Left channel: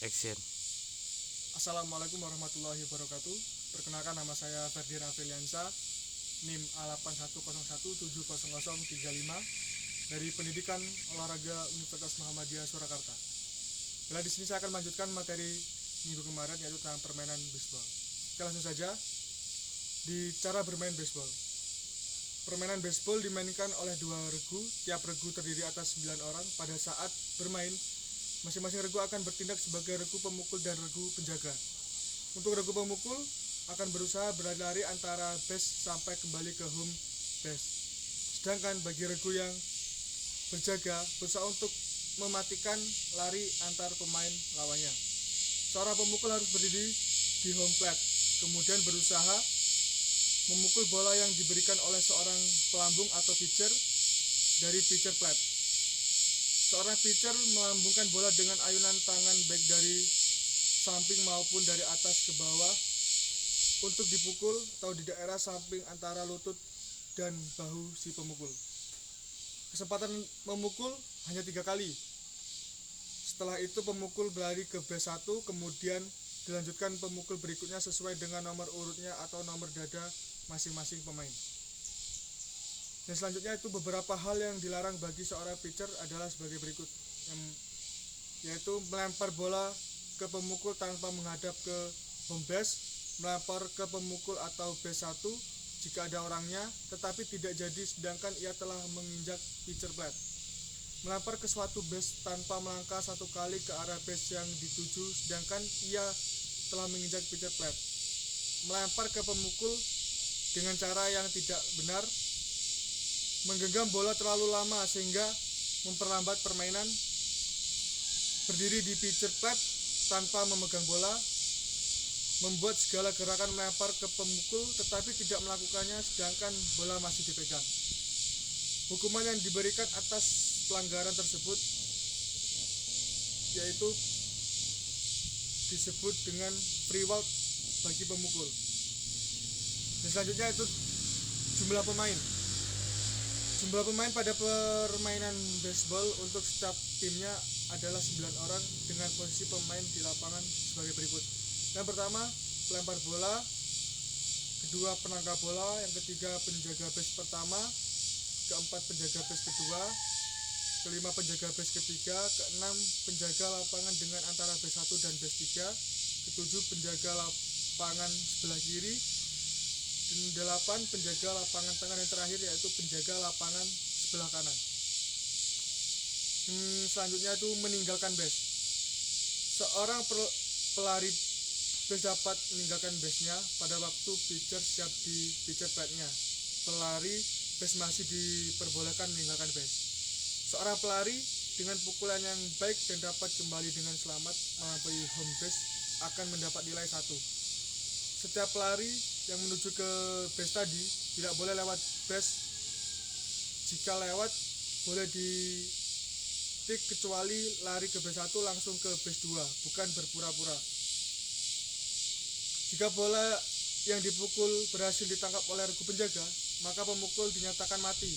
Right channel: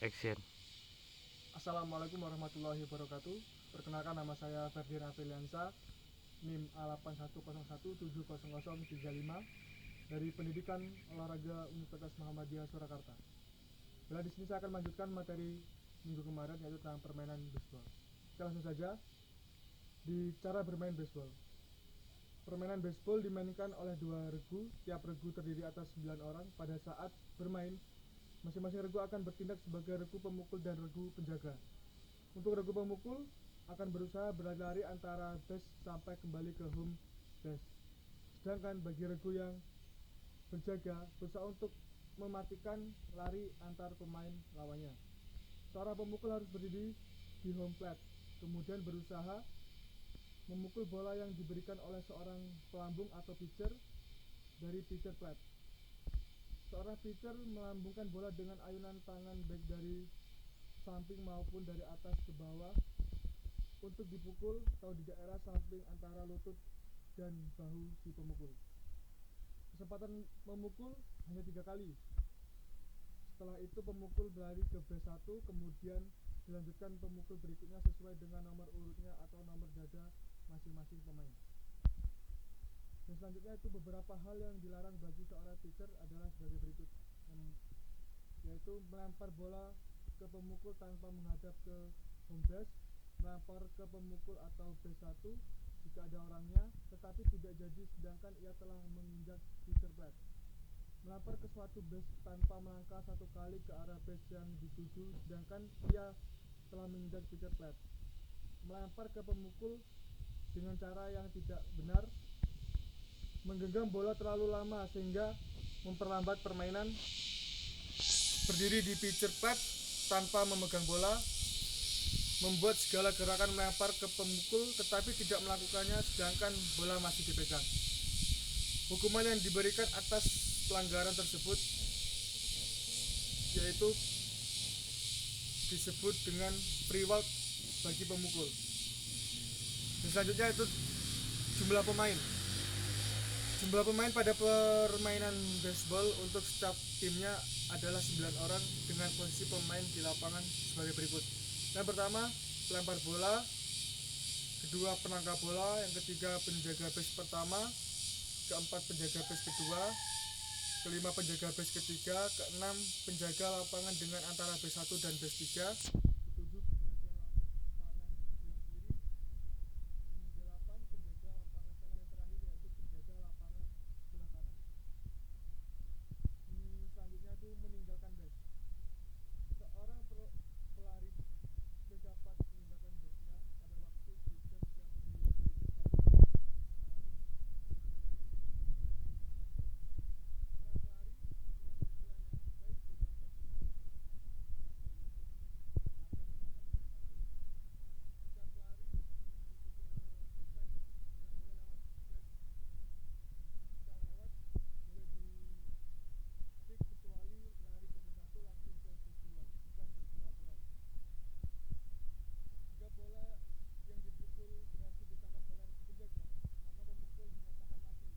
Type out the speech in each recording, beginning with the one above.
Action. Assalamualaikum warahmatullahi wabarakatuh. Perkenalkan, nama saya Ferdian Afiliansa, NIM A8101700035 dari Pendidikan Olahraga Universitas Muhammadiyah Surakarta. Bila di sini saya akan melanjutkan materi minggu kemarin, yaitu tentang permainan baseball. Kita langsung saja di cara bermain baseball. Permainan baseball dimainkan oleh dua regu. Tiap regu terdiri atas 9 orang. Pada saat bermain, masing-masing regu akan bertindak sebagai regu pemukul dan regu penjaga. Untuk regu pemukul akan berusaha berlari antara base sampai kembali ke home base. Sedangkan bagi regu yang berjaga berusaha untuk mematikan lari antar pemain lawannya. Seorang pemukul harus berdiri di home plate, kemudian berusaha memukul bola yang diberikan oleh seorang pelambung atau pitcher dari pitcher plate. Seorang pitcher melambungkan bola dengan ayunan tangan baik dari samping maupun dari atas ke bawah untuk dipukul atau di daerah samping antara lutut dan bahu si pemukul. Kesempatan memukul hanya 3 kali. Setelah itu pemukul berlari ke base 1, kemudian dilanjutkan pemukul berikutnya sesuai dengan nomor urutnya atau nomor dada masing-masing pemain. Dan selanjutnya itu beberapa hal yang dilarang bagi seorang pitcher adalah sebagai berikut, yaitu melempar bola ke pemukul tanpa menghadap ke home base, melempar ke pemukul atau base 1 jika ada orangnya tetapi tidak jadi sedangkan ia telah menginjak pitcher plate, melempar ke suatu base tanpa melangkah 1 kali ke arah base yang dituju sedangkan ia telah menginjak pitcher plate, melempar ke pemukul dengan cara yang tidak benar, menggenggam bola terlalu lama sehingga memperlambat permainan, berdiri di pitcher plate tanpa memegang bola, membuat segala gerakan melempar ke pemukul tetapi tidak melakukannya sedangkan bola masih dipegang. Hukuman yang diberikan atas pelanggaran tersebut yaitu disebut dengan free walk bagi pemukul. Dan selanjutnya itu jumlah pemain. Jumlah pemain pada permainan baseball untuk setiap timnya adalah 9 orang dengan posisi pemain di lapangan sebagai berikut. Yang pertama, pelempar bola, kedua penangkap bola, yang ketiga penjaga base pertama, keempat penjaga base kedua, kelima penjaga base ketiga, keenam penjaga lapangan dengan antara base 1 dan base 3, ketujuh penjaga lapangan sebelah kiri, dan 8 penjaga lapangan tengah, yang terakhir yaitu penjaga lapangan sebelah kanan. Selanjutnya itu meninggalkan base. Seorang pelari base dapat meninggalkan base-nya pada waktu pitcher siap di pitcher plate-nya. Pelari base masih diperbolehkan meninggalkan base. Seorang pelari dengan pukulan yang baik dan dapat kembali dengan selamat melampaui home base akan mendapat nilai 1. Setiap pelari yang menuju ke base tadi tidak boleh lewat base. Jika lewat boleh di tik kecuali lari ke base 1 langsung ke base 2, bukan berpura-pura. Jika bola yang dipukul berhasil ditangkap oleh regu penjaga, maka pemukul dinyatakan mati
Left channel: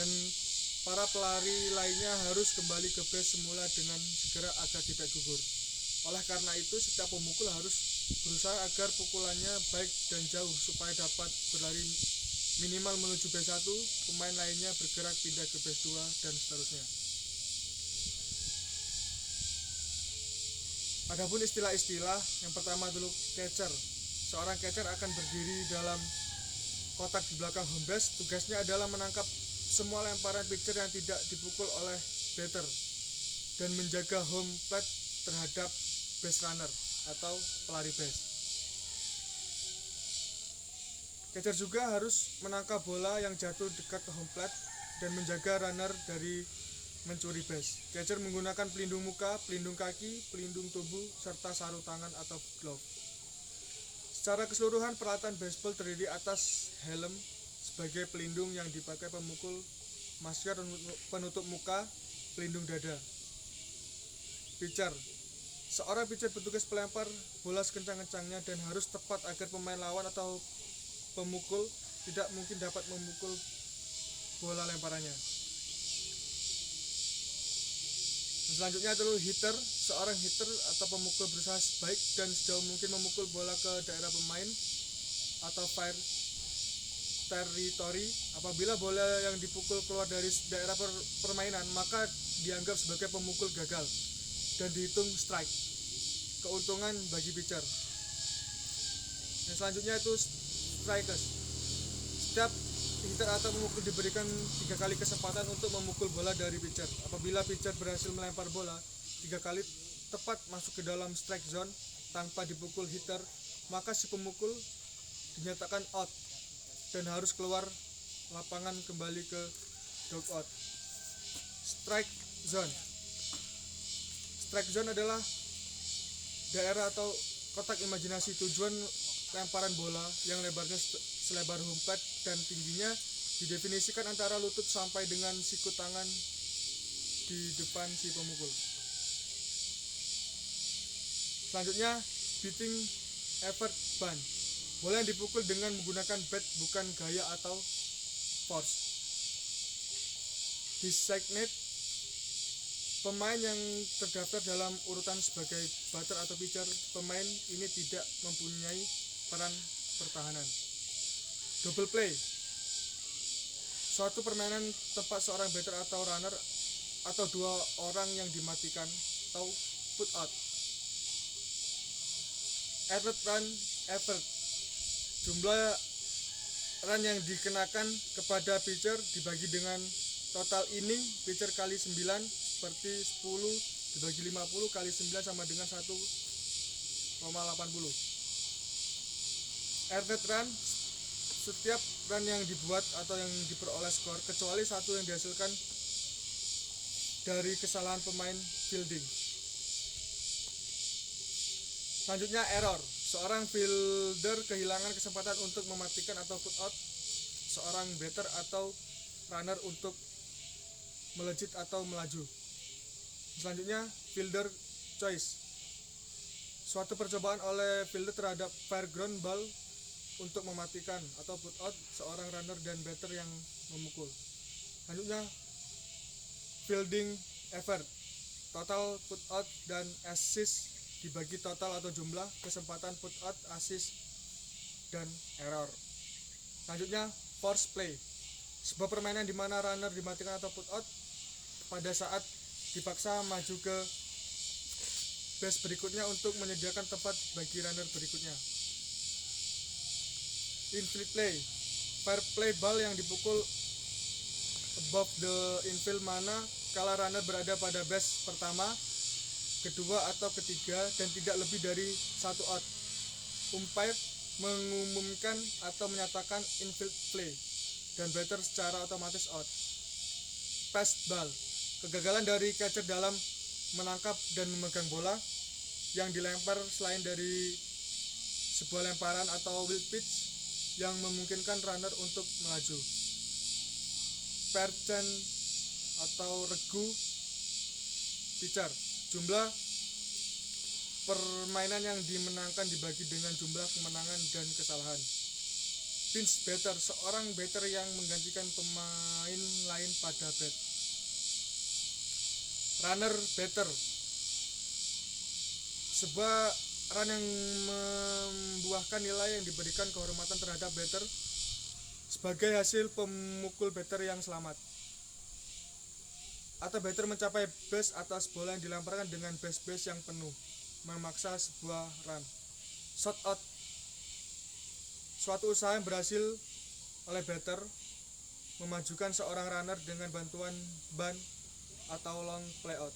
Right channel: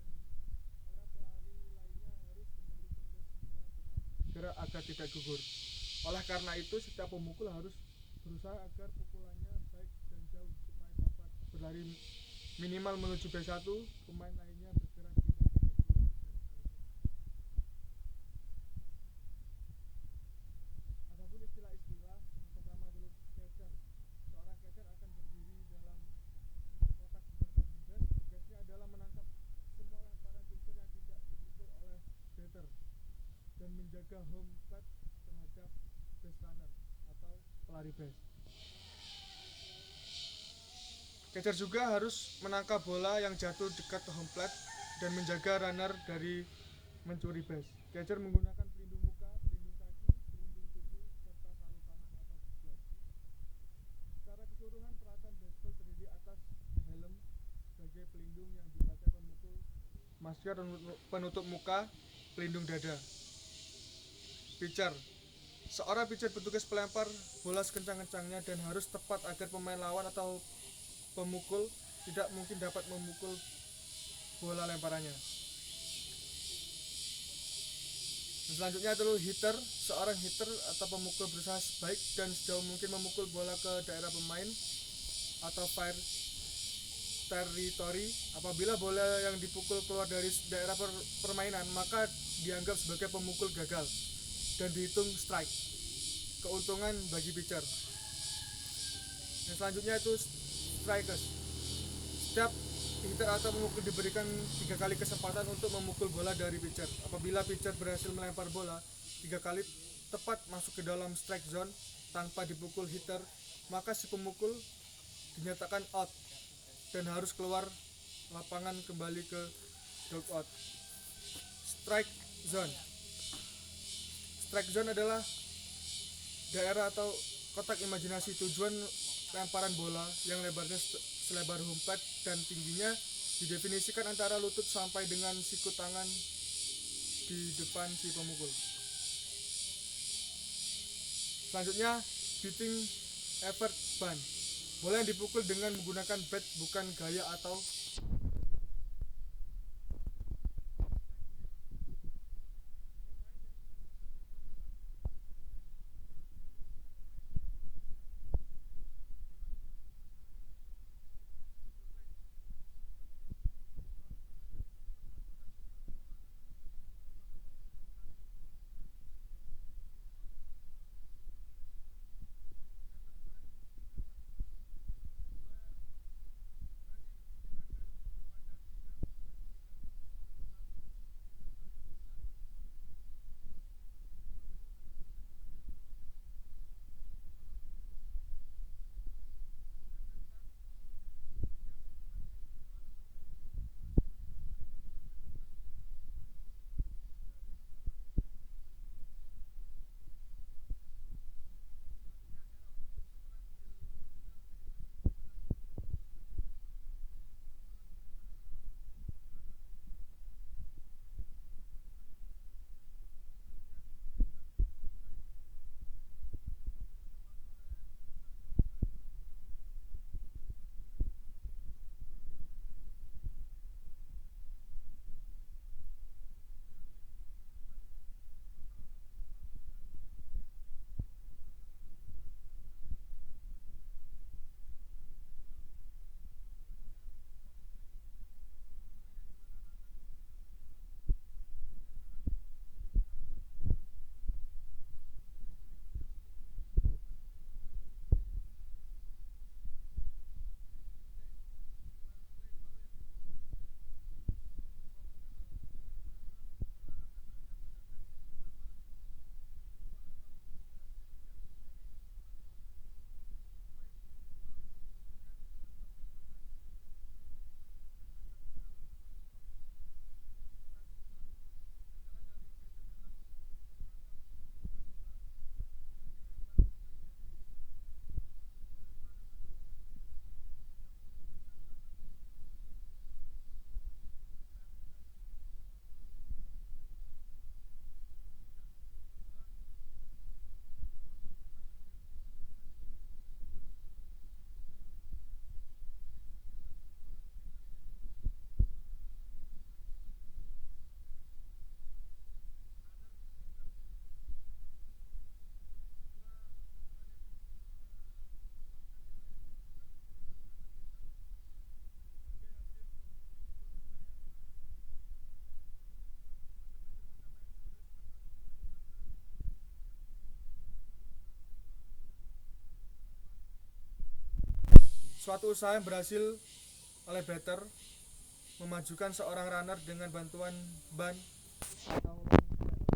dan para pelari lainnya harus kembali ke base semula dengan segera agar tidak gugur. Oleh karena itu, setiap pemukul harus berusaha agar pukulannya baik dan jauh supaya dapat berlari minimal menuju base 1, pemain lainnya bergerak pindah ke base 2 dan seterusnya. Adapun istilah-istilah, yang pertama dulu catcher. Seorang catcher akan berdiri dalam kotak di belakang home base. Tugasnya adalah menangkap semua lemparan pitcher yang tidak dipukul oleh batter dan menjaga home plate terhadap base runner atau pelari base. Catcher juga harus menangkap bola yang jatuh dekat home plate dan menjaga runner dari mencuri base. Catcher menggunakan pelindung muka, pelindung kaki, pelindung tubuh, serta sarung tangan atau glove. Secara keseluruhan peralatan baseball terdiri atas helm sebagai pelindung yang dipakai pemukul, masker penutup muka, pelindung dada. Pitcher. Seorang pitcher bertugas melempar bola sekencang-kencangnya dan harus tepat agar pemain lawan atau pemukul tidak mungkin dapat memukul bola lemparannya. Selanjutnya itu hitter. Seorang hitter atau pemukul berusaha sebaik dan sejauh mungkin memukul bola ke daerah pemain atau fire territory. Apabila bola yang dipukul keluar dari daerah permainan, maka dianggap sebagai pemukul gagal dan dihitung strike. Keuntungan bagi pitcher. Yang selanjutnya itu strikers. Setiap hitter atau pemukul diberikan 3 kali kesempatan untuk memukul bola dari pitcher. Apabila pitcher berhasil melempar bola 3 kali tepat masuk ke dalam strike zone tanpa dipukul hitter, maka si pemukul dinyatakan out dan harus keluar lapangan kembali ke dugout. Strike zone. Strike zone adalah daerah atau kotak imajinasi tujuan lemparan bola yang lebarnya selebar home plate dan tingginya didefinisikan antara lutut sampai dengan siku tangan di depan si pemukul. Selanjutnya, beating effort ban. Bola yang dipukul dengan menggunakan bat, bukan gaya atau force. Designated. Pemain yang terdaftar dalam urutan sebagai batter atau pitcher. Pemain ini tidak mempunyai peran pertahanan. Double play. Suatu permainan tempat seorang batter atau runner atau 2 orang yang dimatikan atau put out. Effort run effort. Jumlah run yang dikenakan kepada pitcher dibagi dengan total inning pitcher kali 9, seperti 10 dibagi 50 kali 9 sama dengan 1,80. Earned run. Setiap run yang dibuat atau yang diperoleh skor kecuali satu yang dihasilkan dari kesalahan pemain fielding. Selanjutnya error. Seorang fielder kehilangan kesempatan untuk mematikan atau put out seorang batter atau runner untuk melejit atau melaju. Selanjutnya fielder choice. Suatu percobaan oleh fielder terhadap fair ground ball untuk mematikan atau put out seorang runner dan batter yang memukul. Selanjutnya fielding effort. Total put out dan assist dibagi total atau jumlah kesempatan put out, assist, dan error. Selanjutnya force play. Sebuah permainan di mana runner dimatikan atau put out pada saat dipaksa maju ke base berikutnya untuk menyediakan tempat bagi runner berikutnya. Infield play. Fair play ball yang dipukul above the infield mana kala runner berada pada base pertama, kedua atau ketiga dan tidak lebih dari 1 out. Umpire mengumumkan atau menyatakan infield play dan batter secara otomatis out. Pass ball. Kegagalan dari catcher dalam menangkap dan memegang bola yang dilempar selain dari sebuah lemparan atau wild pitch yang memungkinkan runner untuk melaju. Percent atau regu pitcher. Jumlah permainan yang dimenangkan dibagi dengan jumlah kemenangan dan kesalahan. Pinch batter. Seorang batter yang menggantikan pemain lain pada bat. Runner batter. Sebuah run yang membuahkan nilai yang diberikan kehormatan terhadap batter sebagai hasil pemukul batter yang selamat. Atau batter mencapai base atas bola yang dilemparkan dengan base yang penuh, memaksa sebuah run. Shot out. Suatu usaha yang berhasil oleh batter memajukan seorang runner dengan bantuan ban atau long play out.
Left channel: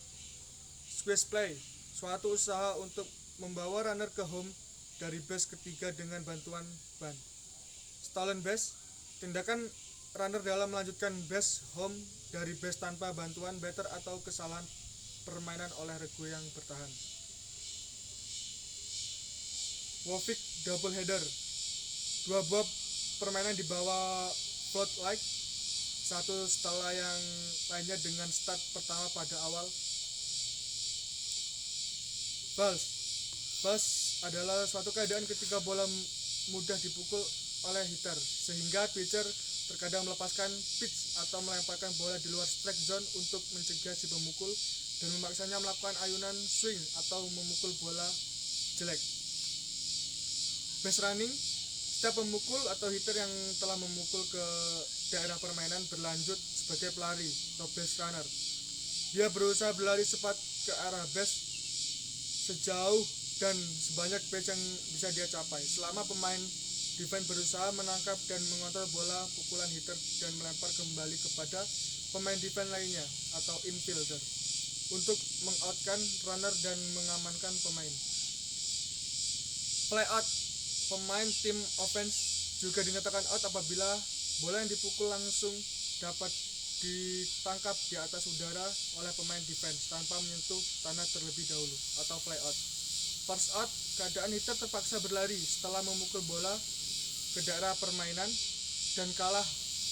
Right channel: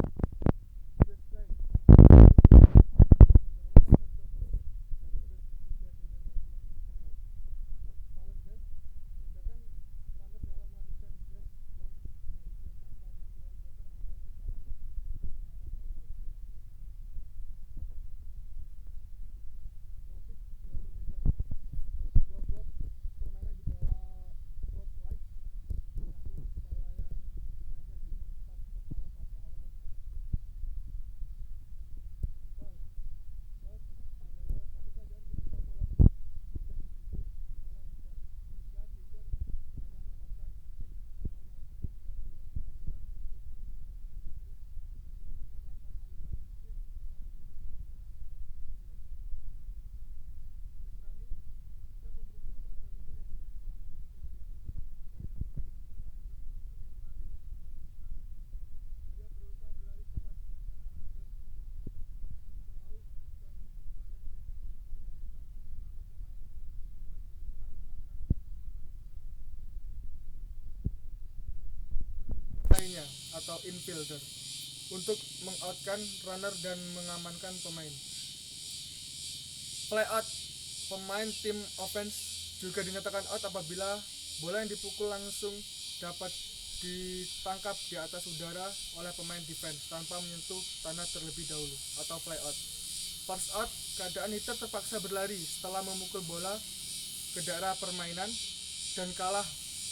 Squeeze play. Suatu usaha untuk membawa runner ke home dari base ketiga dengan bantuan ban. Stolen base. Tindakan runner dalam melanjutkan base home dari base tanpa bantuan batter atau kesalahan permainan oleh regu yang bertahan. Wovik double header. 2 buah permainan di bawah float like satu setelah yang lainnya dengan start pertama pada awal. Balls. Balls adalah suatu keadaan ketika bola mudah dipukul oleh hitter sehingga pitcher terkadang melepaskan pitch atau melemparkan bola di luar strike zone untuk mencegah si pemukul dan memaksanya melakukan ayunan swing atau memukul bola jelek. Base running, setiap pemukul atau hitter yang telah memukul ke daerah permainan berlanjut sebagai pelari atau base runner. Dia berusaha berlari cepat ke arah base sejauh dan sebanyak base yang bisa dia capai. Selama pemain defense berusaha menangkap dan mengontrol bola pukulan hitter dan melempar kembali kepada pemain defense lainnya atau infielder untuk mengoutkan runner dan mengamankan pemain. Play out, pemain tim offense juga dinyatakan out apabila bola yang dipukul langsung dapat ditangkap di atas udara oleh pemain defense tanpa menyentuh tanah terlebih dahulu atau fly out. Force out, keadaan hitter terpaksa berlari setelah memukul bola ke daerah permainan dan kalah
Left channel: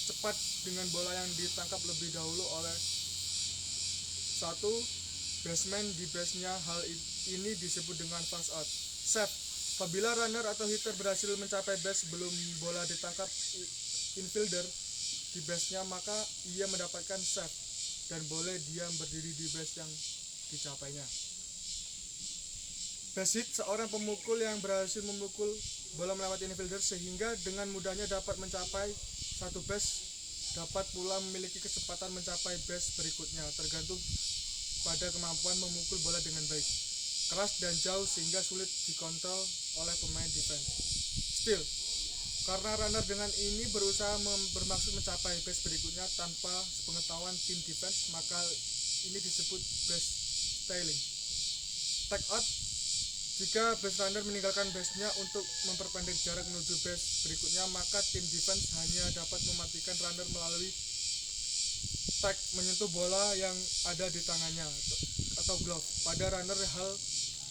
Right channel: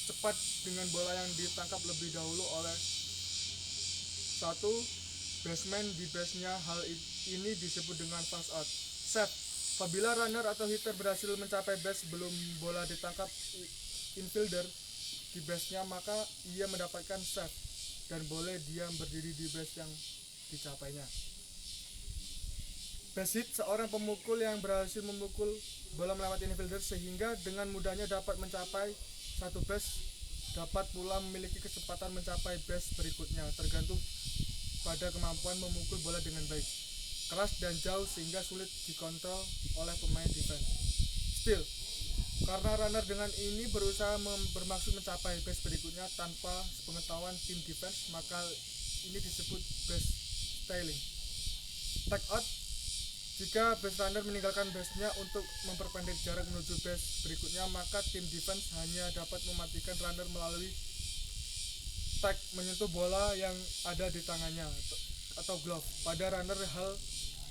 cepat dengan bola yang ditangkap lebih dahulu oleh satu baseman di base-nya. Hal ini disebut dengan force out. Save, apabila runner atau hitter berhasil mencapai base sebelum bola ditangkap infielder di base-nya, maka ia mendapatkan save dan boleh diam berdiri di base yang dicapainya. Base hit, seorang pemukul yang berhasil memukul bola melewati infielder sehingga dengan mudahnya dapat mencapai satu base dapat pula memiliki kesempatan mencapai base berikutnya tergantung pada kemampuan memukul bola dengan baik, keras dan jauh sehingga sulit dikontrol oleh pemain defense. Steal, karena runner dengan ini berusaha bermaksud mencapai base berikutnya tanpa sepengetahuan tim defense, maka ini disebut base stealing. Tag out, jika base runner meninggalkan base-nya untuk memperpendek jarak menuju base berikutnya, maka tim defense hanya dapat mematikan runner melalui tag menyentuh bola yang ada di tangannya atau glove pada runner. Hal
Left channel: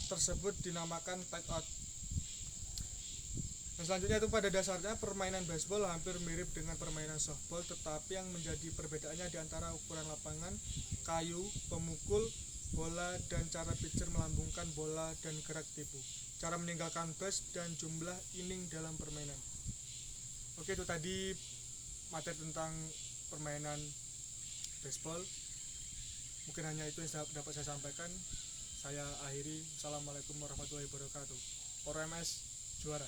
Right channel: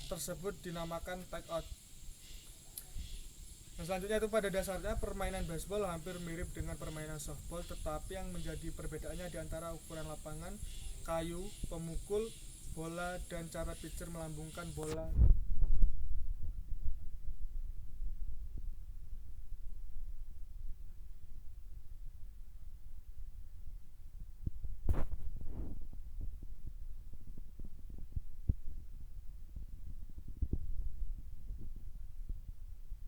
tersebut dinamakan tag out. Dan selanjutnya itu pada dasarnya permainan baseball hampir mirip dengan permainan softball, tetapi yang menjadi perbedaannya di antara ukuran lapangan, kayu, pemukul bola dan cara pitcher melambungkan bola dan gerak tipu, cara meninggalkan base dan jumlah inning dalam permainan. Oke, itu tadi materi tentang permainan baseball. Mungkin hanya itu yang dapat saya sampaikan. Saya akhiri. Assalamualaikum warahmatullahi wabarakatuh. ORMS juara.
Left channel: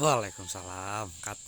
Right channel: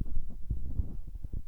Waalaikumsalam. Kat.